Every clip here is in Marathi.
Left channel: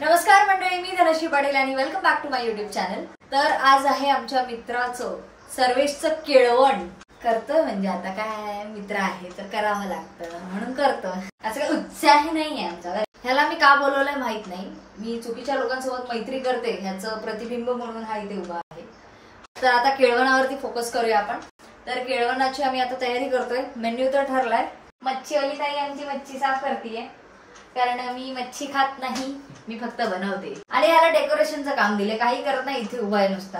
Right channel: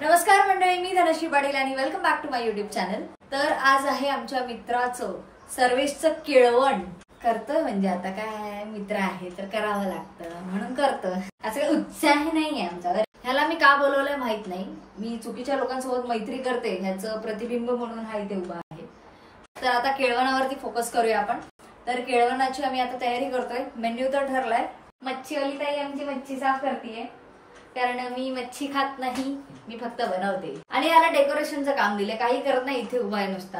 नमस्कार मंडळी, मी धनश्री पाटील आणि welcome back to my YouTube channel. तर आज आहे आमच्या मित्राचं सर्वेशचं केळवण करतोय, म्हणजे आता काय मित्र आहे तर करावं लागतं म्हणून करतोय। असं काही उत्साह नाहीये आमच्यावर। ह्याला मी का बोलवलंय माहित नाही, मी चुकीच्या लोकांसोबत मैत्री करते ह्याचं प्रतिबिंब म्हणून हा इथे उभा आहे। तर आता केळवणावरती फोकस करूया आपण। तर केळवणाची आम्ही आता तयारी करतोय। मेन्यू तर ठरलाय। मच्छीवाली ताई आमची मच्छी साफ करतेय, कारण मी मच्छी खात नाही, मी फक्त बनवते। आणि याला डेकोरेशनचं काम दिले, काही करत नाही, इथे उभा आहे नुसता।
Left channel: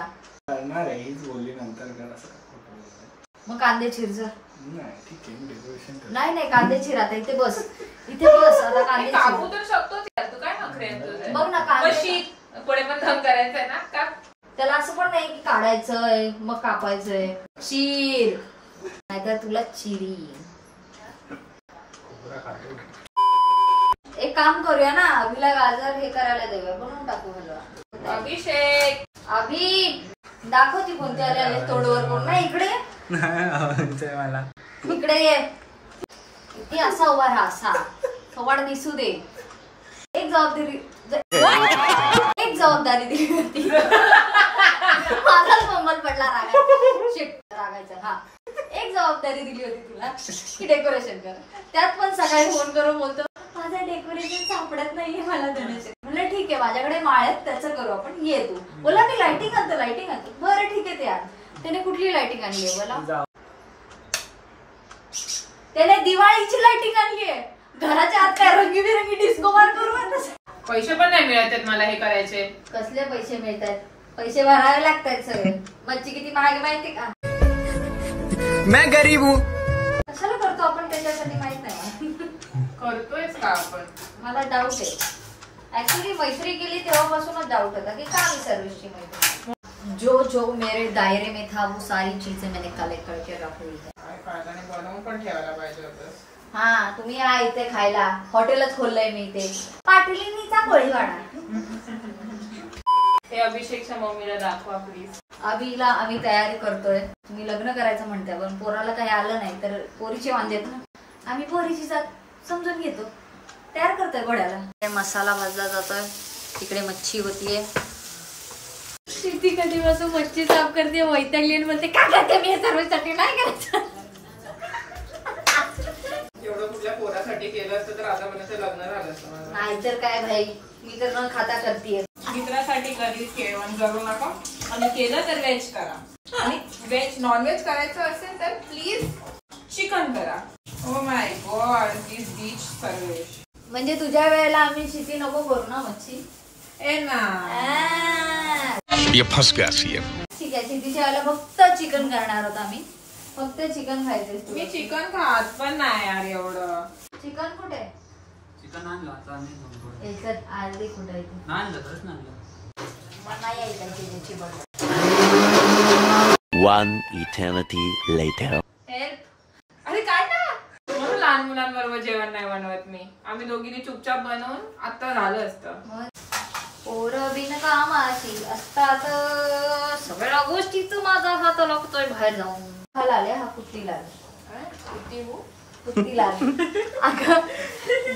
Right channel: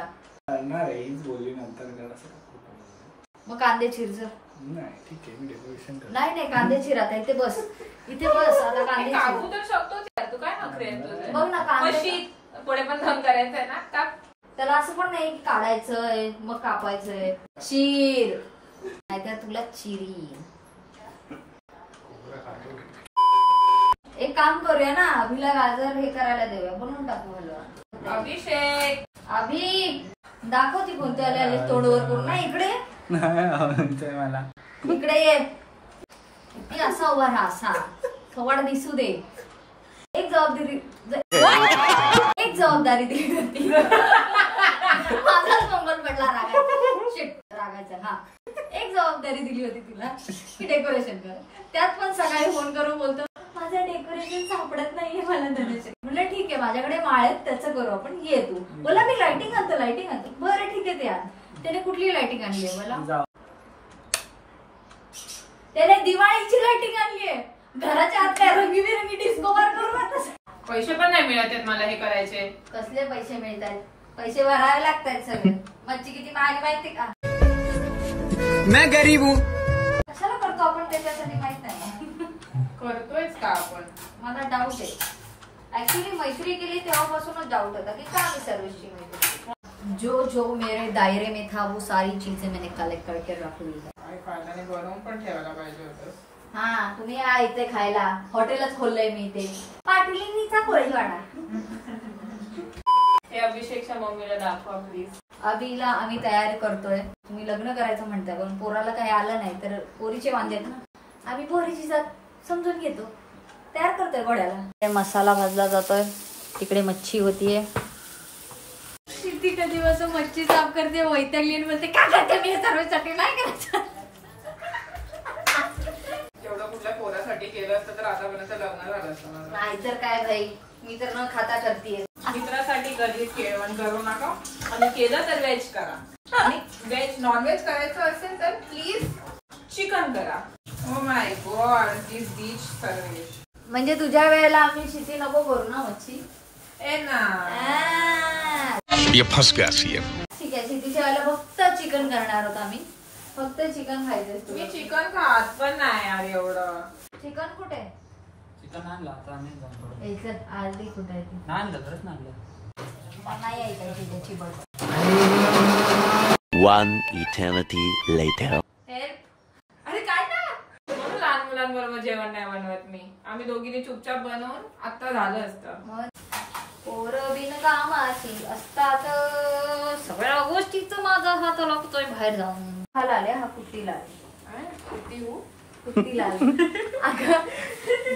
करणार आहे हीच बोलली नंतर कर असं। मग कांदे चिरजर नाही ठीक आहे, मी डेकोरेशन करतो। नाही कांदे चिर, आता इथे बस, इथे बस, आता कांदे चिर। कापू तर शकतोच यार, तू काय नखरे तुझे? बघ ना कांदे पुढे पण काम करायचंय ना का? त्याला असं पण नाही की काढायचंय मग कापायचंय। चीर, नाहीतर तुला चिरी। एक काम करूया ना, अभिला गाजर हे करायला देऊया, बनवून टाकू हलवा। अभिषेक, अभि दाखवती कोणते आले तोडवर करून। नाही इकडे मला इकडे ये, ती असा उभा राहा, असा थोड दिसू दे। एक जबाबदारी दिली होती, माझाच मोबाईल पडला रागायचा। हा, एक जबाबदारी दिली होती तुला की डेकोरेशन कर। त्यात पण सकाळी फोन करून बोलतो माझं डेकोरेशन सापडत नाहीये मला धनेश। म्हणलं ठीक आहे, माझ्याकडे माळ आहेत, त्याचं करू आपण, ये तू। बोला मी लाइटिंग आणतो। बरं ठीक आहे, ते आण। त्याने कुठली लाइटिंग आणली आहे बोला? त्याने दिवाळीची लाइटिंग आणली आहे। घराच्या आत काय रंगीबेरंगी डिस्को बार करू आता। पैसे पण नाही मिळत मला हे करायचे। कसले पैसे मिळतात? पैसे भरावे लागतात सगळे। मच्छी किती महाग माहिती का? मैं गरीब हूँ। कशाला करतो आपण त्याच्यासाठी माहित नाही। करतोयच का आपण? मला डाऊट आहे। ऍक्च्युली मैत्री केली तेव्हापासूनच डाऊट होता की का मी सर्वेची मैत्री। जो मेरे दायरे में था वो सारी चीजें मैंने कलेक्ट करके रख ली है। बनवून पण ठेवायला पाहिजे होतं। हा, तुम्ही या इथे खायला, हॉटेलच खोललंय मी इथे, पाटलीचा कोळीवाडा। ते अभिषेकच्या मम्मीला दाखवा प्लीज। अभिला आम्ही तयारी करतोय। तुम्ही लग्न करायचं म्हणताय, पण पोराला काही आलं नाही तर पोरीचे वांदे आहेत ना, आम्ही पोरीची जात समजून घेतो, तयार करतोय घोड्याला। मसाला भाजला जातोय, तिकडे मच्छी होतीये। किती कधी वाजता मच्छी साफ करते, वैतागली आणि बोलते का करते मी हे सर्वेसाठी, नाही करायचं। एवढं कुठल्या पोरासाठी केलं असतं तर आतापर्यंत लग्न झालं असतं माझं। नाहीतर काय भाई, मी तर न खाता करतेय। मित्रासाठी कधीच केळवण करू नका, आणि केलं तर व्हेज करा। आणि व्हेज नॉन व्हेज करायचं असेल तर प्लीज चिकन करा। Oh my God, this dish Sarvesh. म्हणजे तुझ्या वेळेला आम्ही शिती नको करू ना मच्छी। ए ना, ये फंस गया सीएम। ठीक आहे, शितीच्या वेळेला फक्त चिकन करणार होता आम्ही, फक्त चिकन खायचं। मी चिकन खात पण नाही यार एवढं। चिकन कुठे? चिकन आणलं आता आणि आधी कुठे आहे? आणलं खरंच आणलं। मला नाही यायचं त्याची बघ। One eternity later. अरे काय ना, म्हणून लहान मुलांबरोबर जेवण नाही बनवत मी। आम्ही दोघींनी चुपचाप बनवून आता झालं असतं। पोरं बिनकामाची असतात, सगळ्या गोष्टीच माझा हात लागतोय बाहेर जाऊन। हा लाल आहे, हा कुट्टी लाल। कुट्टी लाल। अगं,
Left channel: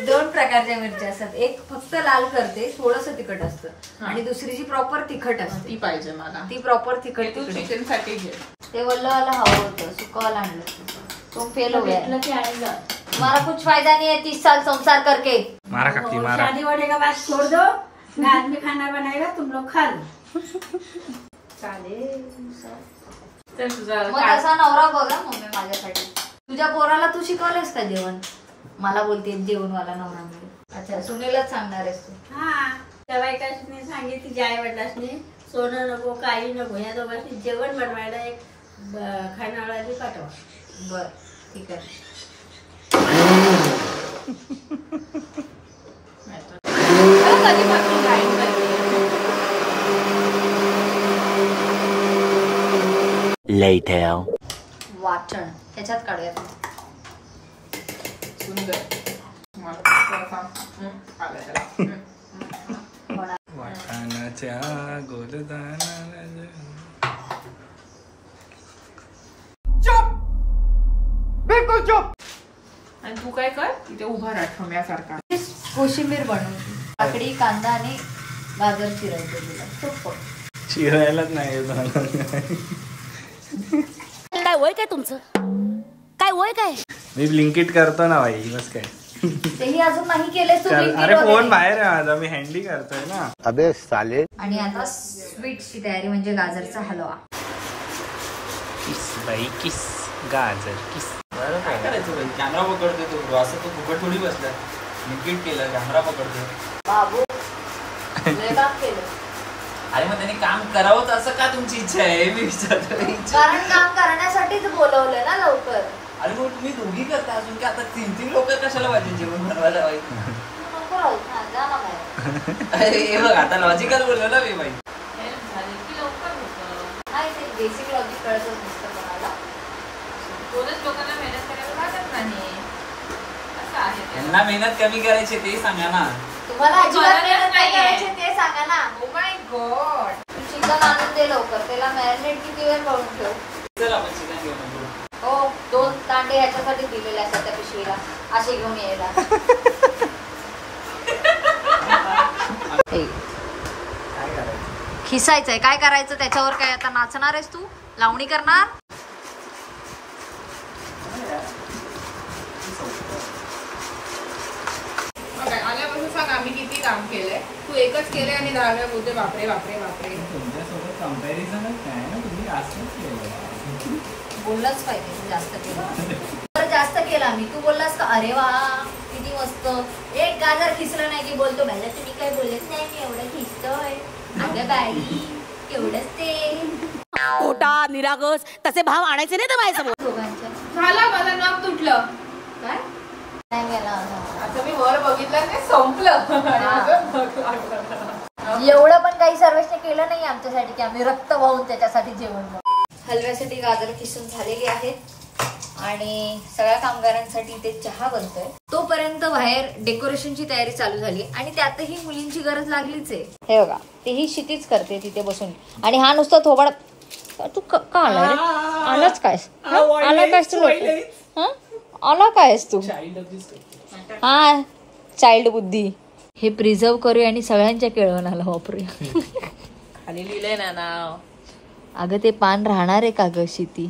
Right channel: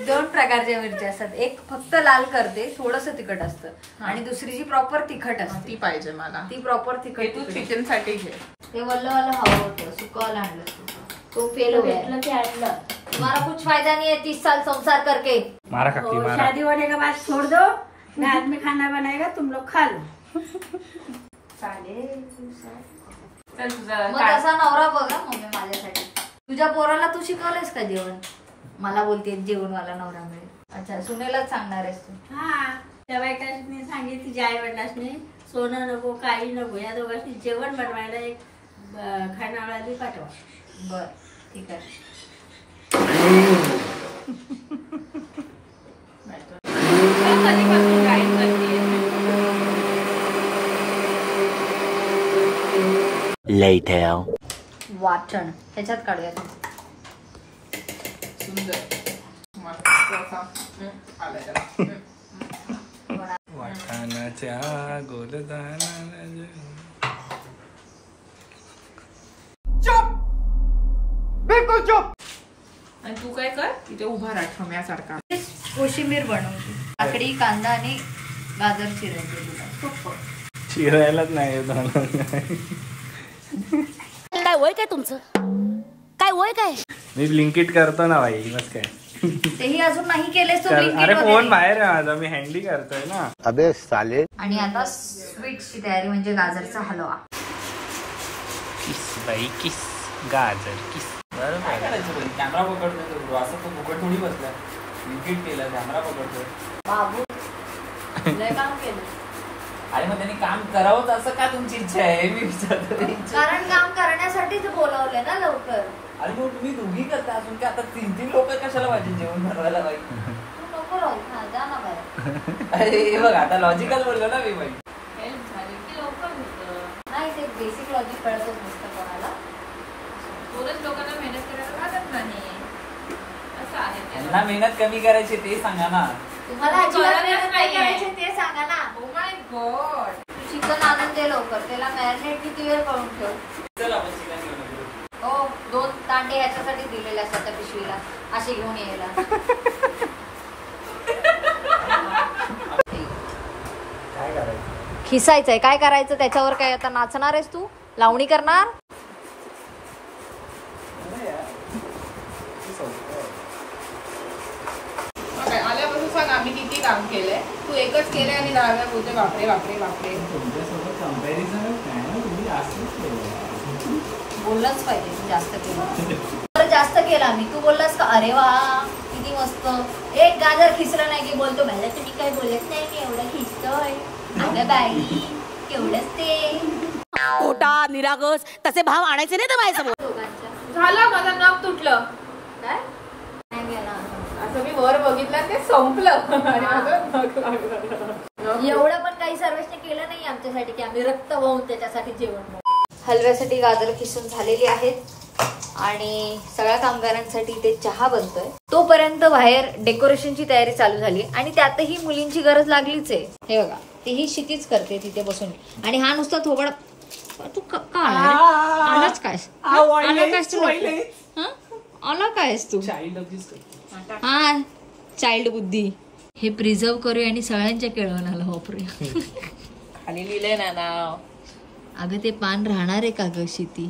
दोन प्रकारच्या मिरच्या असतात, एक फक्त लाल करते, थोडस तिखट असतं, आणि दुसरी जी प्रॉपर तिखट असते ती पाहिजे मला। ती प्रॉपर तिखट। तू चिकन साठी घे। ते वल्लवाला हवं होतं, सुकवाला आणलं, तो फेल हो गया। तुम्हाला कुछ फायदा नहीं है 30 साल संसार करके। मारा काकी मारा। शादी होने के बाद छोड़ दो, मैं आदमी खाना बनाएगा, तुम लोग खा लो। चालेल। तुझा मग असा नवरा बघा मम्मी माझ्यासाठी। तुझ्या पोराला तू शिकवलंस का जेवण? मला बोलते जेवणवाला नवरा मिळेल। अच्छा, सुनेलाच सांगणार आहेस तू? हा, त्या बायकांनी सांगितली तिच्या आई वडिलांनी, सोनं नको काही नको, या दोघांनी जेवण बनवायला एक खानावळाली पाठवा। बर ठीक आहे। Later. वाटण ह्याच्यात काढूया। सुंदर वाटाणाच्या गोलदाना। चुप, बिलकुल चुप। आणि तू काय कर, इथे उभा राहा ठोम्यासारखा। कोशिंबीर बनवते। काकडी, कांदा आणि गाजर चिरायचं तुला सोपं. चिरायलाच नाही काय वय काय तुमचं, काय वय काय? मी ब्लिंकिट करतो ना बाई, बस काय. तेही अजून नाही केलेस तू Blinkit अरे वगैरे. फोन बाहेर आहे माझा, मी हँडी करतोय ना. अबे साले. आणि आता स्वीटची तयारी म्हणजे गाजरचा हलवा. किस बाई किस, गाजर किस. काय करायचं कॅमेरा पकडतोय तो, असं तो फुकट थोडी बसलाय. ब्लिंकिट केलं, कॅमेरा पकडतोय. बाबू लय काम केलं. अरे मग त्यांनी काम करावं असं का तुमची इच्छा आहे मी विचारतो. कारण काम करण्यासाठीच बोलवलंय ना लवकर. अरे मग तुम्ही दोघी करता अजून का, आता 3 लोक कशाला पाहिजे जेवण बनवायला पाहिजे. नको राहू, हा, जा ना बाहेर. अरे हे बघ आता लॉजिकल बोललो ना मी बाई. नाही ते बेसिक लॉजिक कळतच नसतं कोणाला. कोणच लोकांना मेहनत करायला लागत नाही असं आहे ते. त्यांना मेहनत कमी करायची ते सांगा ना. तुम्हाला अजिबात करायलाच मेहनत नाही नाहीये. करायची ते सांगा ना. Oh my God. चिकन आणून दे लवकर, त्याला मॅरिनेट किती वेळ करून ठेव. चल आपण चिकन घेऊन येऊ. हो 2 कांडे ह्याच्यासाठी दिलेले असतात त्या पिशवीला, असे घेऊन यायला. खिसायचंय, काय करायचं त्याच्यावर? काय आता नाचणार आहेस तू, लावणी करणार? Okay, आल्यापासून सांग आम्ही किती काम केलंय. तू एकच केलंय आणि 10 वेळा बोलते बापरे बापरे बापरे. तुमच्यासोबत कंपॅरिझनच नाही ना, तुम्ही असंच केलं. बोललंच पाहिजे तू जास्त केलं. जास्त केला मी, तू बोललास का अरे वा किती मस्त, एक गाजर खिसलं नाही की बोलतो मला तुम्ही काय बोलत नाही, मी एवढं खिसतोय. अगं बाई केवढंच ते खोटा निरागस तसे भाव आणायचे नाही तर माझ्यासमोर. दोघांच्या. झालं माझं नम तुटलं. काय नाही गेला आता. आता मी वर बघितलं ते संपलं आणि माझं एवढं पण काही सर्वेशने केलं नाही आमच्यासाठी की आम्ही रक्त वाहून त्याच्यासाठी जेवण बनवू. हलव्यासाठी गाजर खिसून झालेली आहेत आणि सगळ्या कामगारांसाठी इथे चहा बनतोय. तोपर्यंत बाहेर डेकोरेशनची तयारी चालू झाली आणि त्यातही मुलींची गरज लागलीच आहे. हे बघा तेही क्षितीच करते तिथे बसून आणि हा नुसता थोबाड. तू का आला रे? आलाच काय? आला कायस तू? आला कायस तू? हा चाइल्ड बुद्धी. हे प्रिझर्व करूया आणि सगळ्यांच्या केळवणाला वापरूया. खाली लिहिलंय ना नाव. अगं ते पान राहणार आहे का ग शिती?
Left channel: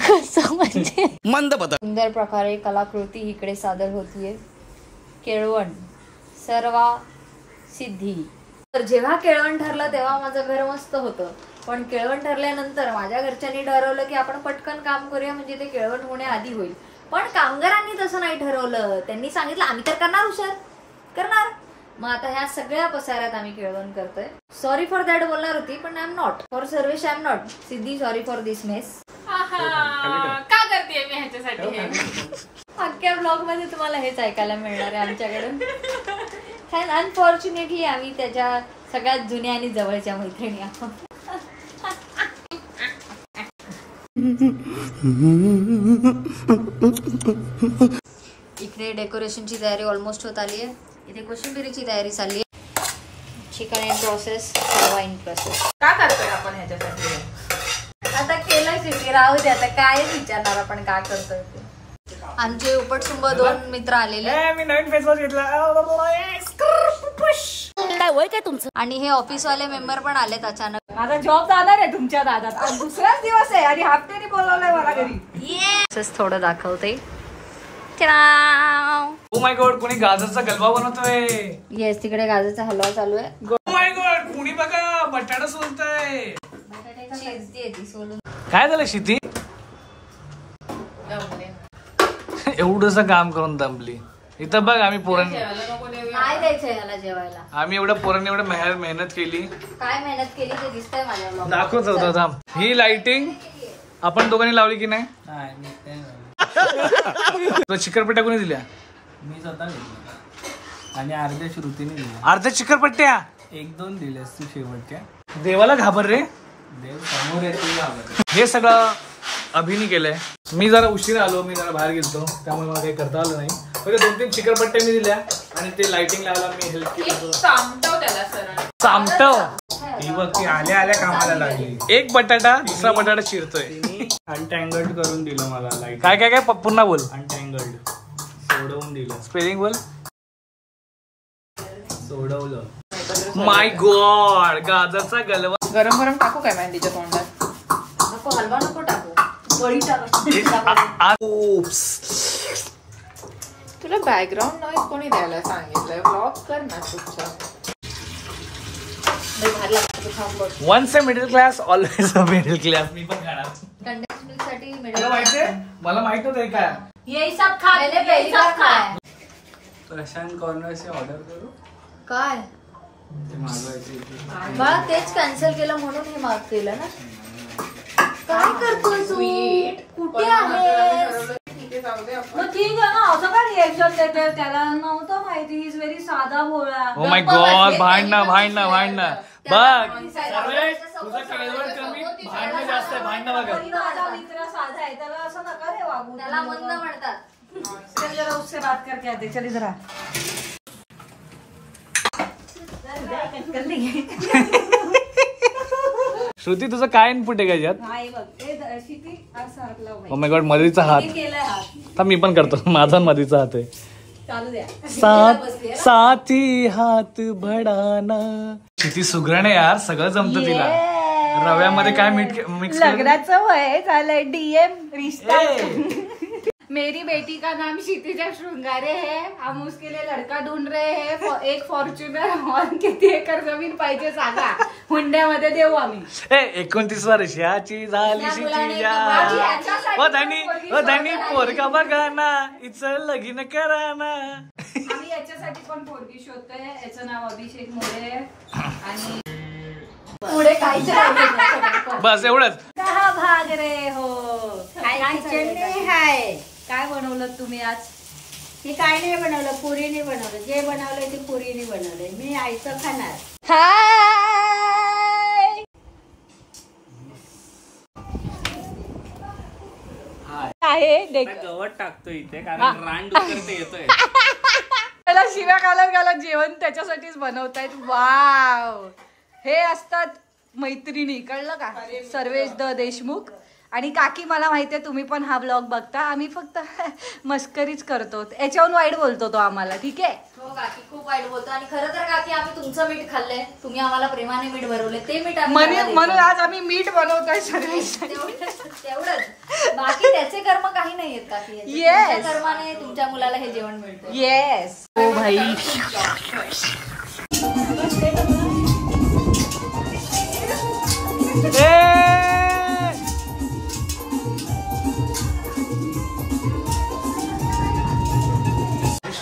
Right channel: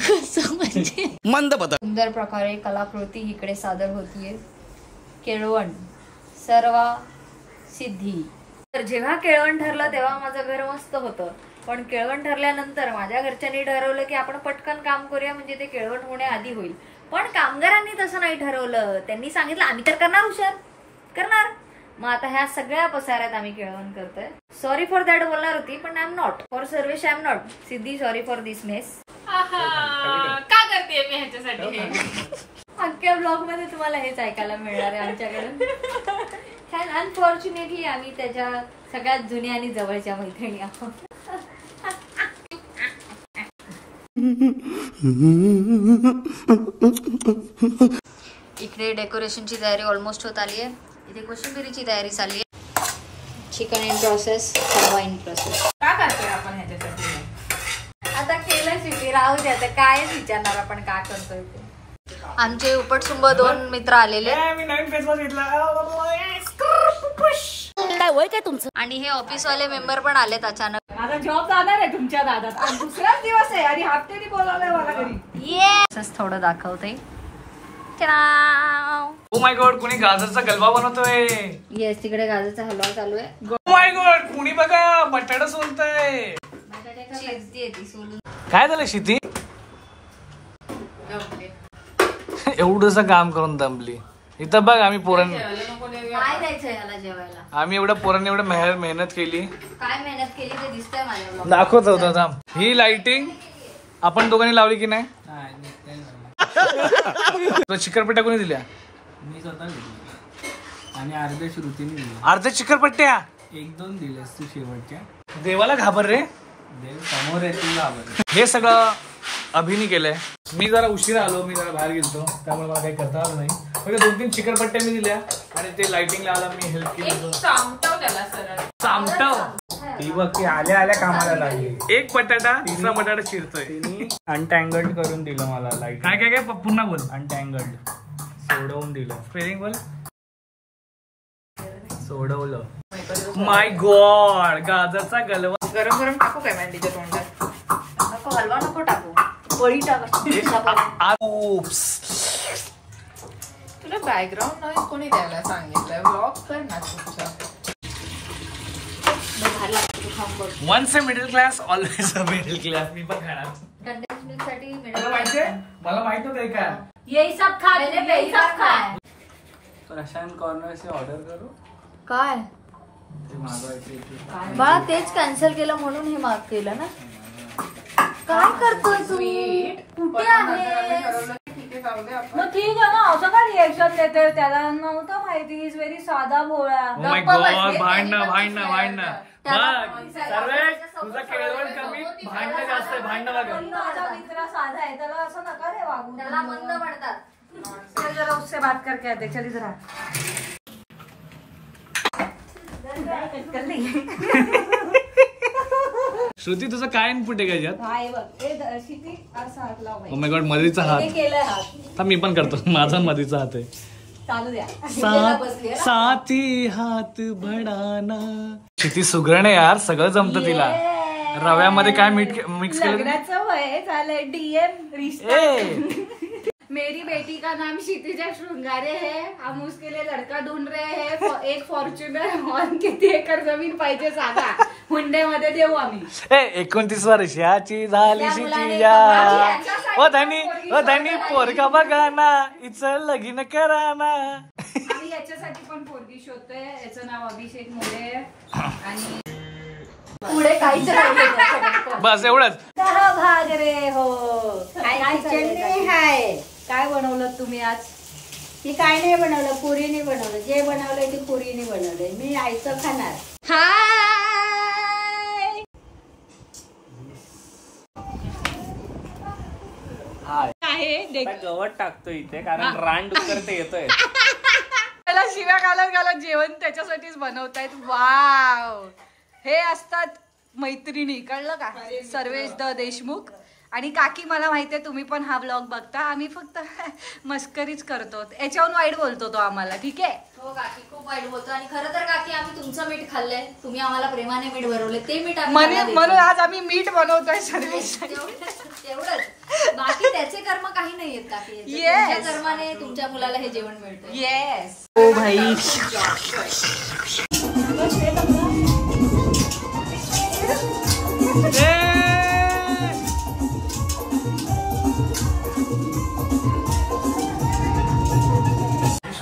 कसं म्हणजे मंद बदल. सुंदर प्रकारे कलाकृती इकडे सादर होतीये. केळवण सर्वा सिद्धी. तर जेव्हा केळवण ठरलं तेव्हा माझं घर मस्त होतं, पण केळवण ठरल्यानंतर माझ्या घरच्यांनी ठरवलं की आपण पटकन काम करूया म्हणजे ते केळवण होण्याआधी होईल. पण कामगारांनी तसं नाही ठरवलं. त्यांनी सांगितलं आम्ही तर करणार, हुशार करणार. मग आता ह्या सगळ्या पसाऱ्यात आम्ही केळवण करतोय. सॉरी फॉर दॅट बोलणार होती पण I am not. For Sarvesh I am not. Siddhi sorry for this mess. का करते मी ह्याच्यासाठी हे? अख्ख्या ब्लॉग मध्ये तुम्हाला हेच ऐकायला मिळणार आहे आमच्याकडून. अनफॉर्च्युनेटली आम्ही त्याच्या सगळ्यात जुन्या आणि जवळच्या मैत्रिणी आहोत. इकडे डेकोरेशनची तयारी ऑलमोस्ट होत आली आहे. इथे कोशिंबिरीची तयारी चालली आहे. Chicken in process, halwa in process. का करतोय आपण ह्याच्यासाठी? आता केलं शिटी राहू दे. आता काय विचारणार आपण का करतोय ते. आमचे उपटसुंब 2 मित्र आलेले मी नवीन फेस वॉश घेतला. काय वय काय तुमचं? आणि हे ऑफिसवाले मेंबर पण आलेत अचानक. माझा जॉब जाणार आहे तुमच्या दादात. आज दुसराच दिवस आहे आणि हप्त्याने बोलावलंय मला घरी. येस थोडं दाखवते. ओ माय गॉड, कोणी गाजरचा गलबा बनवतोय. येस तिकडे गाजरचा हलवा चालू आहे. ओ माय गॉड, कोणी बघा बटाटा सोलताय. सोडून काय झालं शिती? एवढंसं काम करून दमली. इथं बघ आम्ही पोरांनी, काय द्यायचंय याला जेवायला? आम्ही एवढं पोरांनी एवढं मेहनत केली. काय मेहनत केली ते दिसतंय माझ्या vlog. दाखवत होता थांब. ही लाइटिंग आपण दोघांनी लावली की नाही? चिकरपट्ट्या कोणी दिल्या? मी स्वतः घेतली आणि अर्ध्या श्रुतीने दिली. अर्ध्या चिकरपट्ट्या 1-2 दिल्यास तू शेवटच्या. देवाला घाबर रे. देव समोर येते. हे सगळं अभिनी केलंय. मी जरा उशिरा आलो, मी जरा बाहेर गेलतो त्यामुळे मला काही करता आलं नाही. फक्त 2-3 चिकरपट्ट्या मी दिल्या आणि ते लाइटिंग लावला मी हेल्प केली. सामटव त्याला सरळ. सामटव. ती बघ ती आल्या आल्या कामाला लागली. एक बटाटा दुसरा बटाटा चिरतोय. अनटँगल्ड करून दिलं मला लाईट. काय काय काय पुन्हा बोल. अनटँगल्ड सोडवून दिलं. स्पेलिंग बोल. सोडवलं. माय गॉड, गाजरचा गलवा. गरम गरम टाकू काय मेहंदीच्या तोंडात? नको, हलवा नको टाकू, बळी टाका. तुला बॅकग्राऊंड नॉईज कोणी द्यायला सांगितलंय? व्लॉग कर ना तुझ्या. Once a middle class always a middle class. मी पण खाणार. कंडेन्स मिल्क साठी मला माहिती आहे, मला माहित नव्हतं हे काय. ये सब खा, मैंने पहली बार खाया. प्रशांत कॉर्नर से ऑर्डर करू. काय ते मागवायचे. मला तेच कॅन्सल केलं म्हणून हे माफ केलं ना. काय करतोय तू? कुठे आहे? मग ठीक आहे ना, असं काय रिएक्शन देते? त्याला नव्हतं माहिती. इज व्हेरी साधा भोळा. ओ माय गॉड, भांडणं बघ. सर्वेश, तुझा केळवण कमी, भांडणं जास्त आहे. भांडणं बघा. माझा मित्र साधा आहे, त्याला असं नका रे वागू. त्याला मंद म्हणतात. चल जरा उससे बात करके आते. चल जरा. श्रुती, तुझं काय इनपुट आहे का याच्यात? हा हे बघ, हे शिटी असा हात लाव बाई. ओ माय गॉड, मधीचा हात. हे केलंय हात. तर मी पण करतो. माझा मधीचा हात आहे. चालू द्या. साथी हात भडाना. किती सुगरण आहे यार, सगळं जमतं तिला. रव्यामध्ये काय मीठ मिक्स केलं? लग्नाचं वय झालंय. डीएम रिश्ता. ए मेरी बेटी का नाम क्षितिजा शृंगारे है. हम उसके लिए लड़का ढूंढ रहे हैं. एक फॉर्च्युनर और किती एकर जमीन पाहिजे सांगा. हुंड्यामध्ये देऊ आम्ही. 29 वर्षाची झाली शिचिया. ओ धनी पोरगा बघा ना, इचं लगीन करा ना. आम्ही याच्यासाठी पण पोरगी शोधतोय. याचं नाव अभिषेक मोरे आणि पुढे काहीच नाही. बस एवढंच. भाग रे हो. काय चटणी हाय. काय बनवलं तुम्ही आज? मी काय नाही बनवलं, पुरीने बनवलं. जे बनवलंय ते पुरीने बनवलंय. मी आईचं खाणार. आहे गवत टाकतो इथे, कारण रानडुक्कर ते येतोय. त्याला शिव्या घालत जेवण त्याच्यासाठीच बनवतायत. वाव, हे असतात मैत्रिणी. कळलं का? सर्वेश द देशमुख आणि काकी. मला माहितीये तुम्ही पण हा ब्लॉग बघता. आम्ही फक्त मस्करीच करतो. याच्याहून वाईट बोलतो तो आम्हाला. ठीक आहे. हो काकी, खूप वाईट बोलतो. आणि खरं तर काकी, आम्ही तुमचं मीठ खाल्लंय. तुम्ही आम्हाला प्रेमाने मीठ भरवलंय. ते मीठ म्हणून आज आम्ही मीठ बनवतोय सर्वेश. तेवढंच. बाकी त्याचे कर्म काही नाहीयेत काकी. Yes. तुमच्या कर्माने तुमच्या मुलाला हे जेवण मिळतं. येस. ओ भाई,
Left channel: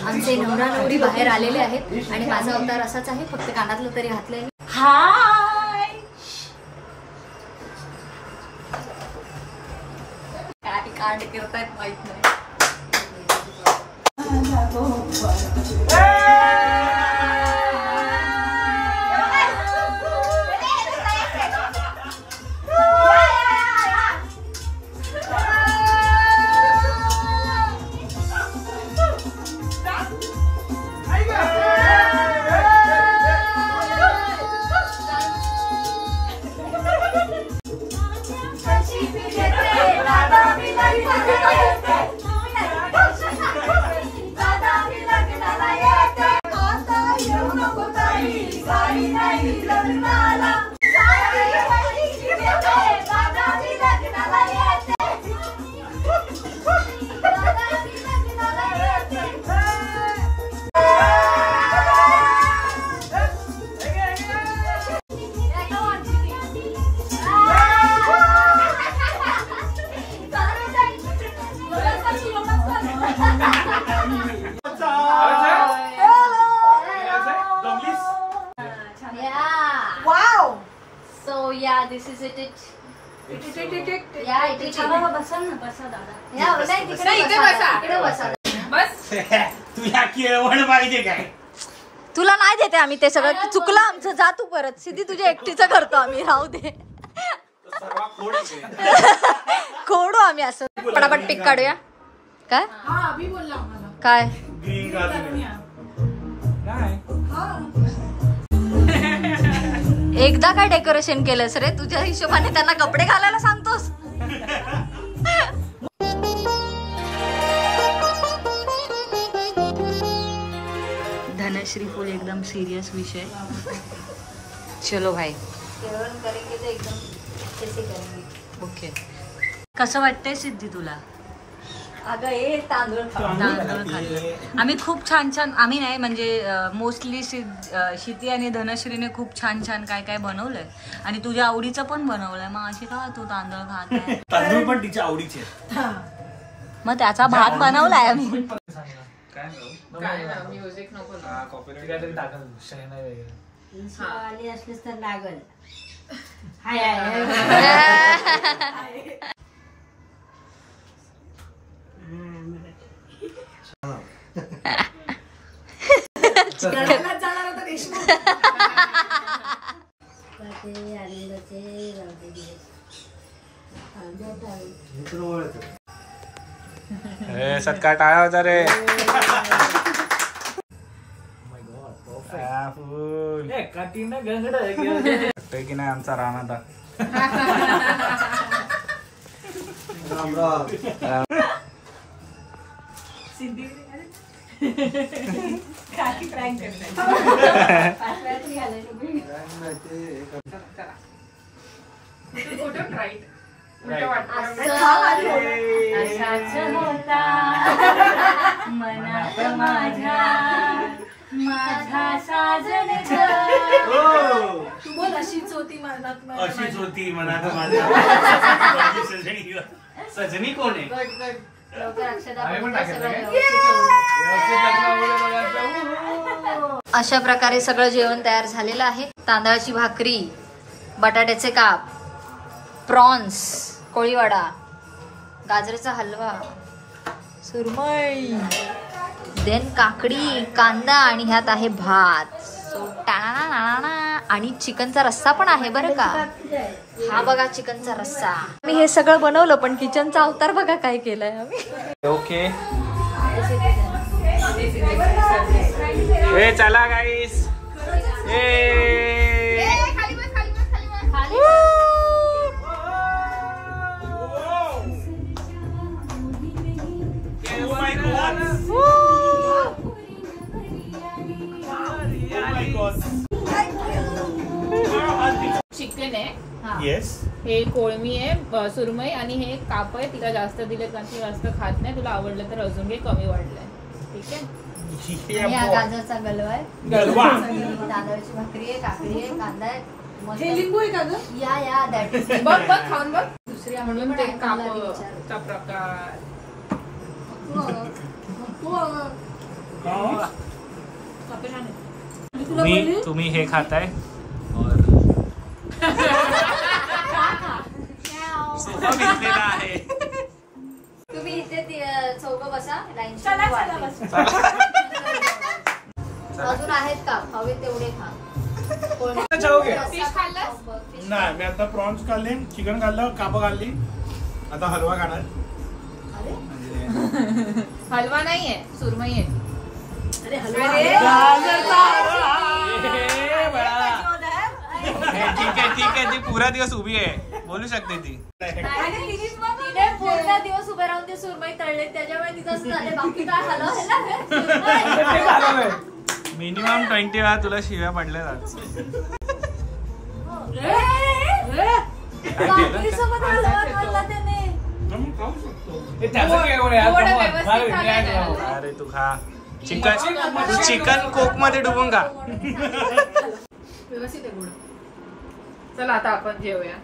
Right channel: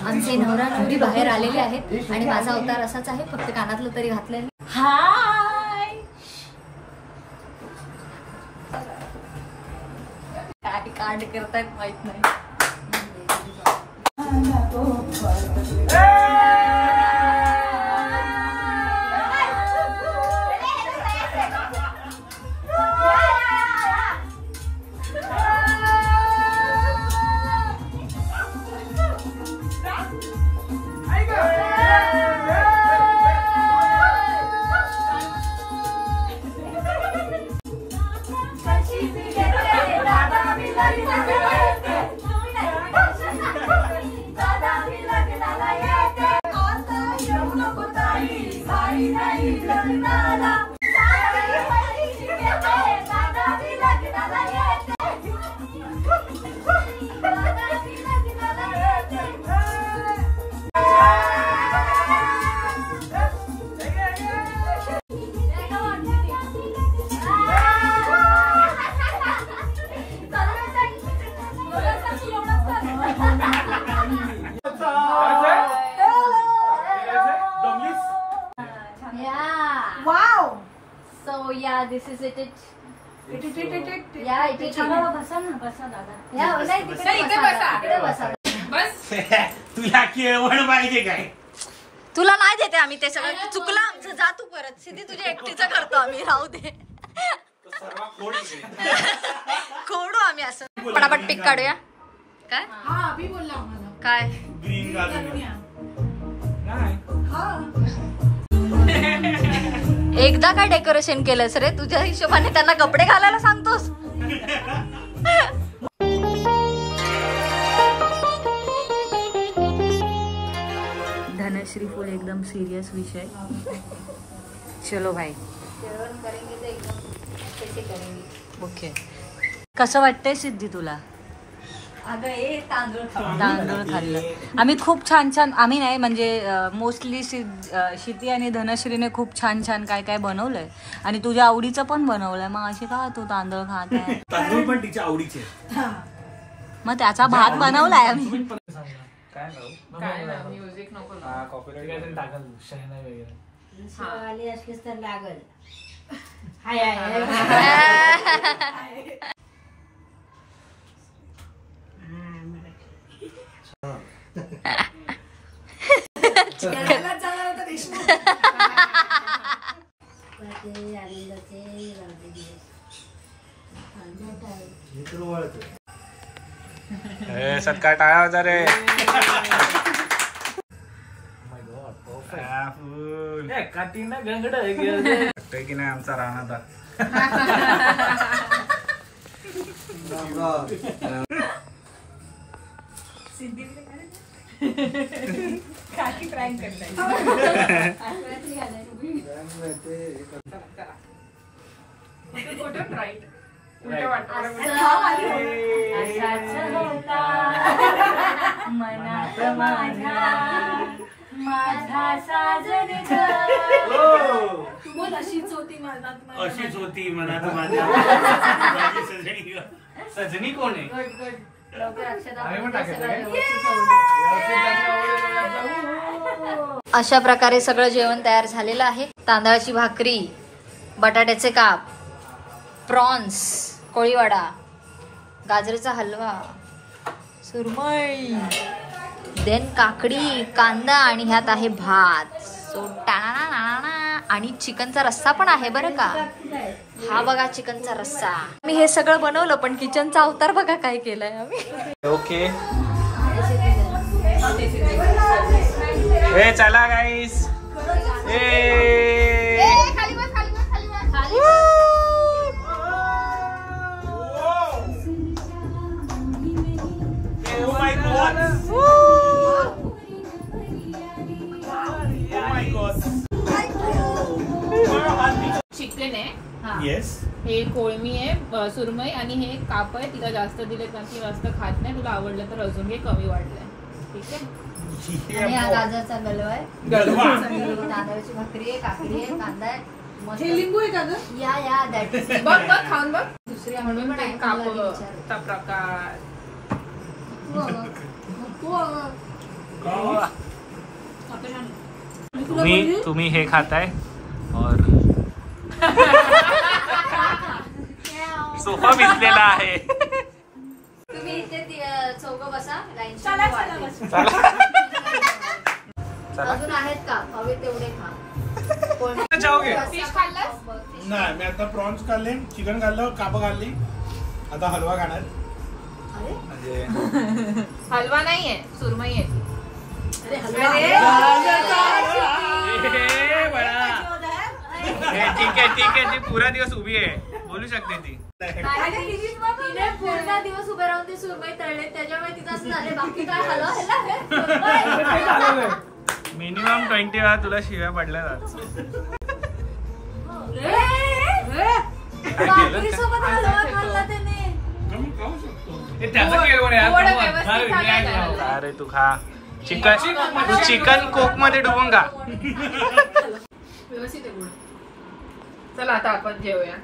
आमचे नवरा नवरी बाहेर आलेले आहेत आणि माझा अवतार असाच आहे, फक्त कानातलं तरी घातलंय. हाय. काय कांड करतायत माहित नाही. This is it. तुला केळवण पाहिजे काय? तुला नाही देते आम्ही ते सगळं. चुकलं आमचं. जा तू परत. सिद्धी तुझ्या एकटीचं करतो आम्ही. राहू दे. खोडू आम्ही असं. पटापट पिक काढूया. काय काय एकदा काय डेकोरेशन केलंस रे? तुझ्या हिशोबाने त्यांना कपडे घालायला सांगतोस. श्रीफुल एकदम सिरियस विषय. चलो भाई ओके. कसं वाटतंय सिद्धी तुला? अगं हे तांदूळ तांदूळ खाल्लं आम्ही खूप छान छान. आम्ही नाही म्हणजे मोस्टली शिती आणि धनश्रीने खूप छान छान काय काय बनवलंय आणि तुझ्या आवडीचं पण बनवलंय. मग अशी का तू तांदूळ खात आहे? तांदूळ पण तिच्या आवडीचे. मग त्याचा भात बनवलाय आम्ही. म्युझिक नको काहीतरी टाकल शहनाई वगैरे. आणि असलेच तर लागल. सत्कार टाळा होता रे. वाटतंय की नाही आमचा राणा. काकी प्रँक करताय. मनात माझ्या साजन बोल अशीच होती मनात माझ्या. सजनी कोण आहे? अशा प्रकारे सगळं जेवण तयार झालेलं आहे. तांदळाची भाकरी, बटाट्याचे काप, प्रॉन्स, कोळीवाडा, गाजराचा हलवा, सुरमई, देन काकडी, कांदा आणि ह्यात आहे भात. सो टाणा आणि चिकनचा रस्सा पण आहे बरं का. हा बघा चिकनचा रस्सा. मी हे सगळं बनवलं पण किचनचा अवतार बघा काय केलंय आम्ही. ओके चला गाईस. चिकन आहे. येस. हे कोळमी आहे, सुरमई आणि हे काप आहे. तिला जास्त दिले कारण ती जास्त खात नाही. तुला आवडलं तर अजून घे, कमी वाढलंय. ठीक आहे. आणि हा गाजरचा गलवा आहे, तांदळाची भाकरी आहे, काकडी आहे, कांदा आहे, हे लिंबू आहे का ग? या दॅट इज बघ बघ खाऊन बघ. दुसरी म्हणून ते कापचा कापचा प्रकार. तुम्ही हे खाताय और सोफा भिजलेला आहे. तुम्ही इथे चौघ बसा लाईन. अजून आहेत का? हवे तेवढे खा. नाही मी आता प्रॉन्स खाल्ले, चिकन खाल्लं, काप खाल्ली, आता हलवा खाणार. हलवा नाहीये, सुरमई आहे. अरे हलवा ठीक आहे ती पुरा दिवस उभी आहे, बोलू शकते ती. तिने पूर्ण दिवस उभे राहून ते सुरमई तळले त्याच्यामुळे तिचं असं झालं. बाकी काय हलवा मिनिमम 20 वेळा तुला शिव्या पडल्या जात. अरे तू खा चिकन, तू चिकन कोक मध्ये डुबून खा. व्यवस्थित आहे गुड. चला आता आपण जेवूया.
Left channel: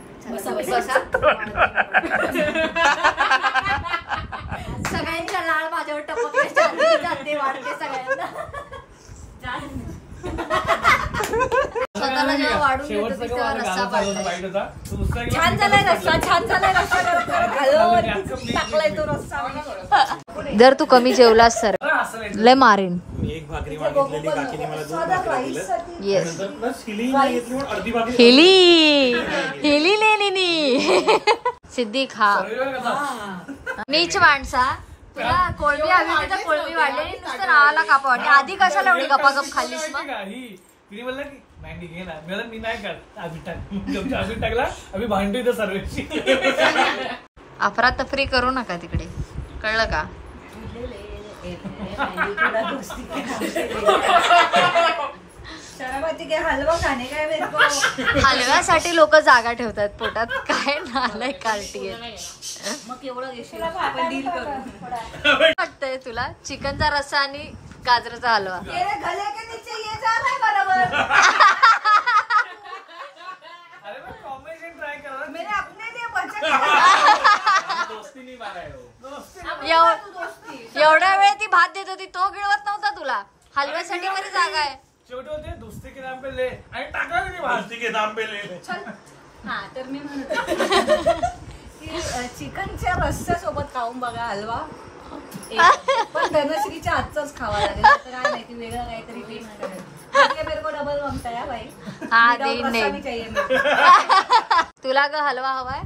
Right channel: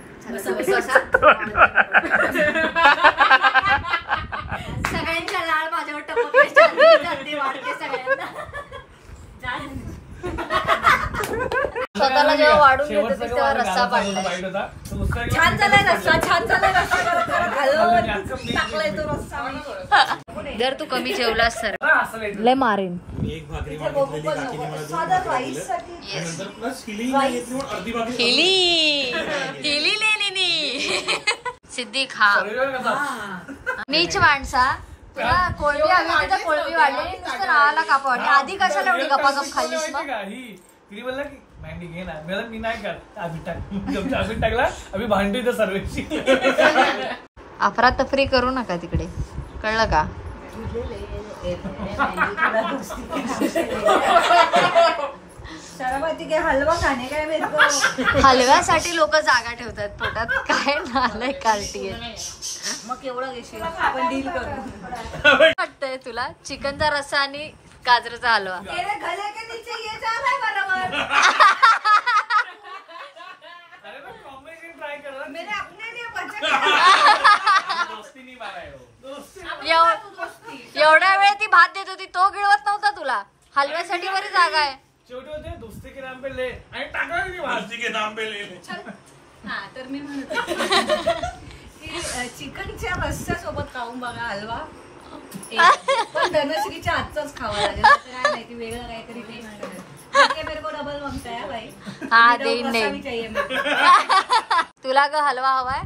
सगळ्यांच्या लाळ माझ्यावर टपकले वाढते सगळ्यांना. स्वतःला जेव्हा वाढून घेतो तेव्हा रस्सा पाडलाय. छान झालाय रस्सा, छान झालाय रस्सा. टाकलाय तो रस्सा. जर तू कमी जेवलास सर लय मारेन. मी एक भाकरी मागितलेली, काकीने मला 2 भाकरी दिल्या. येस प्लस हिली नाही घेतली म्हणून अर्धी भाकरी. हेली लेनी सिद्धी खा. नीच माणसा तुला कोळंबी हवी तर कोळंबी वाढली, नुसतं नावाला कापा वाटली. आधी कशाला एवढी गपागप खाल्लीस मग? तिने बोलला की मी घे ना, मी नाही खात. आम्ही टाकला, आम्ही भांडी तर सर्वेची. अफरातफरी करू नका तिकडे, कळलं का? शराबाती के हलवा खाणे काय मेरे को हलव्यासाठी लोक जागा ठेवतात पोटात. काय नालाय कार्टी आहे. मग केवढं घेशील आपण डील करू. वाटतंय तुला चिकनचा रस्सा आणि गाजराचा हलवा? गले के नीचे ये जा रहा है बराबर. अरे मैं कॉम्बिनेशन ट्राई कर रहा हूं. मैंने अपने लिए बचा दोस्ती नहीं मारा है वो. एवढ्या वेळ ती भात देत होती तो गिळवत नव्हता तुला. हलव्यासाठी बरी जागा आहे. शेवटी होते दोस्ती के नाम पे ले आणि टाकला की भाजी के नाम पे ले. हा तर मी म्हणत होते की चिकनच्या रस्स्या सोबत खाऊन बघा हलवा. पण धनश्रीच्या हातचाच खावा लागेल. काय माहिती वेगळं काहीतरी टेस्ट करेल. मेरे को डबल मागता है भाई. हा देईन देईन. तुला ग हलवा हवाय?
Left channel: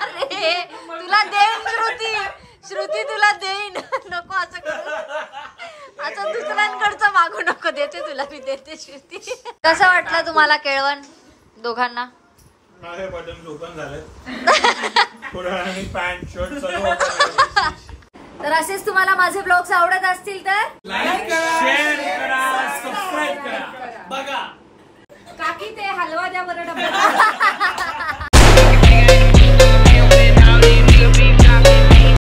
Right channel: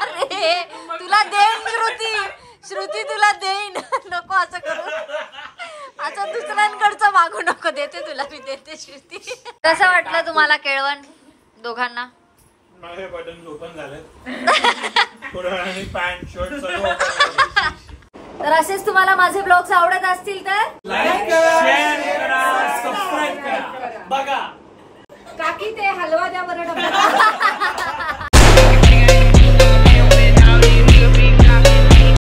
अरे तुला देईन श्रुती तुला देईन. नको असं करू. असं दुसऱ्यांकडचं मागू नको. देते तुला मी देते श्रुती. कसं वाटलं तुम्हाला केळवण दोघांना? माझे बटन ओपन झाले थोडं पॅन्ट शर्ट सर्व. तर असेच तुम्हाला माझे ब्लॉग्स आवडत असतील तर लाईक करा, शेअर करा, सबस्क्राईब करा. बघा काकी ते हलवा द्या बरं डबा.